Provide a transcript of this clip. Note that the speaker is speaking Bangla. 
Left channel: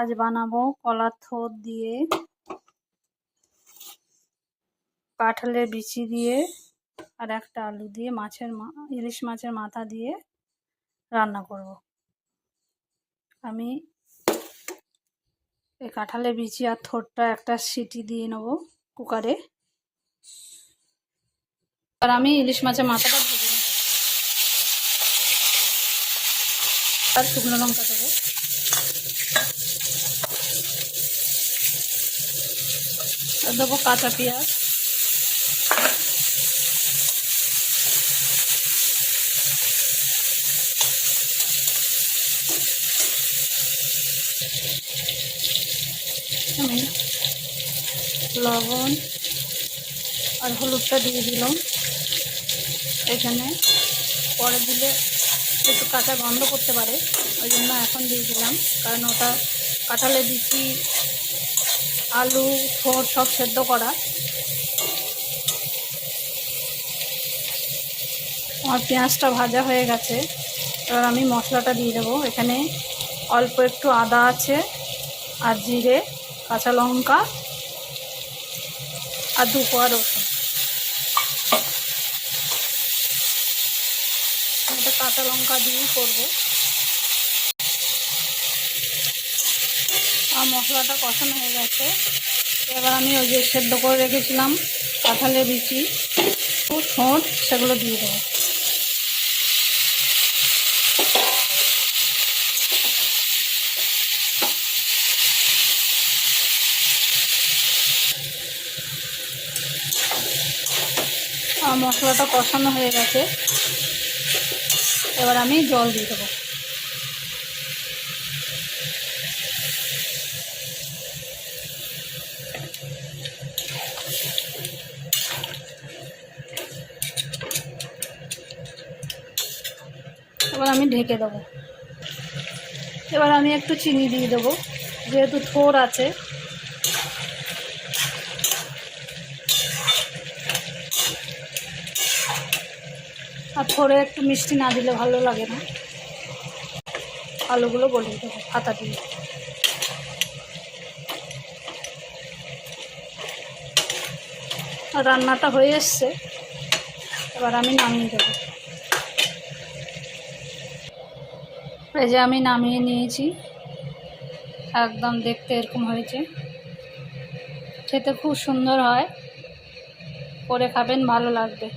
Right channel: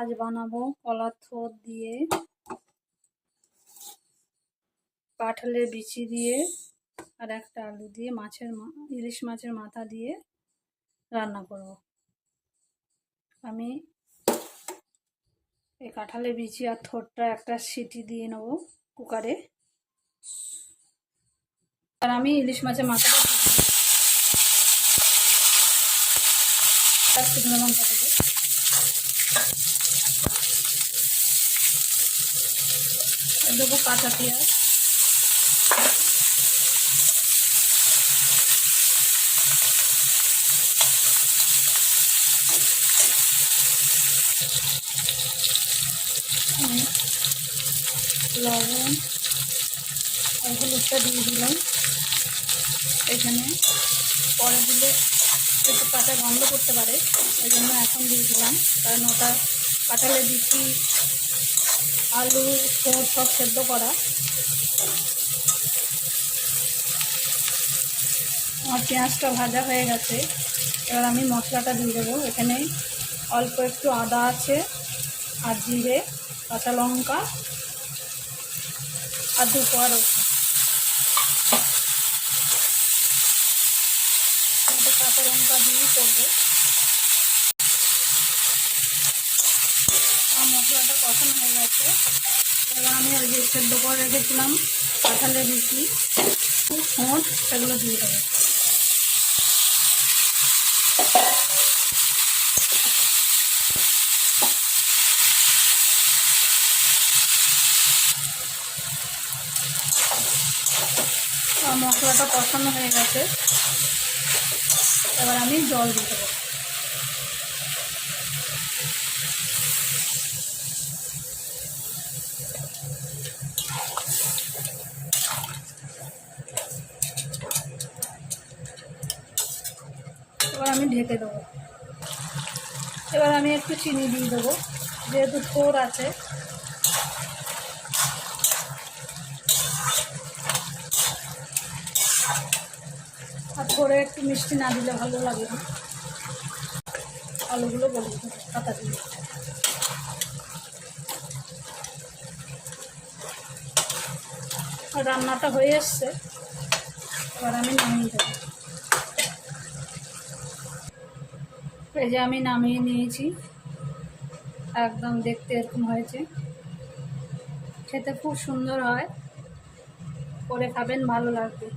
আজ বানাবো কলার থোর দিয়ে, কাঁঠালের বিচি দিয়ে আর একটা আলু দিয়ে ইলিশ মাছের মাথা দিয়ে রান্না করব। আমি এই কাঁঠালের বিচি আর থোরটা একটা সিটি দিয়ে নেব কুকারে। আর আমি ইলিশ মাছের মাথাটা ভেজে নেব। আর শুকনো লঙ্কা দেবো, আর দেবো কাঁচা পেঁয়াজ, আমি লবণ আর হলুদটা দিয়ে দিলাম। এখানে পরে দিলে একটু কাঁচা গন্ধ করতে পারে, ওই জন্য এখন দিয়ে দিলাম, কারণ ওটা কাঁঠালের বিচি আলু থোর সব সেদ্ধ করা। আমার পেঁয়াজটা ভাজা হয়ে গেছে, এবার আমি মশলাটা দিয়ে দেবো। এখানে অল্প একটু আদা আছে, আর জিরে, কাঁচা লঙ্কা আর 2 কোয়া রসুন। এটা কাঁচা লঙ্কা দিয়েই করবো। আর মশলাটা কষানো হয়ে গেছে, এবার আমি ওই যে সেদ্ধ করে রেখেছিলাম কাঁঠালের বিচি ঠোঁট, সেগুলো দিয়ে দেবো। আর মশলাটা কষানো হয়ে গেছে, এবার আমি জল দিয়ে দেবো। এবার আমি ঢেকে দেবো। এবার আমি একটু চিনি দিয়ে দেবো, যেহেতু থোর আছে। আর থোড়ে একটু মিষ্টি না দিলে ভালো লাগে না। আলুগুলো গলিয়ে দেবো হাতা দিয়ে। আর রান্নাটা হয়ে এসছে, এবার আমি নামিয়ে দেবো। এই যে আমি নামিয়ে নিয়েছি, একদম দেখতে এরকম হয়েছে। খেতে খুব সুন্দর হয়, করে খাবেন, ভালো লাগবে।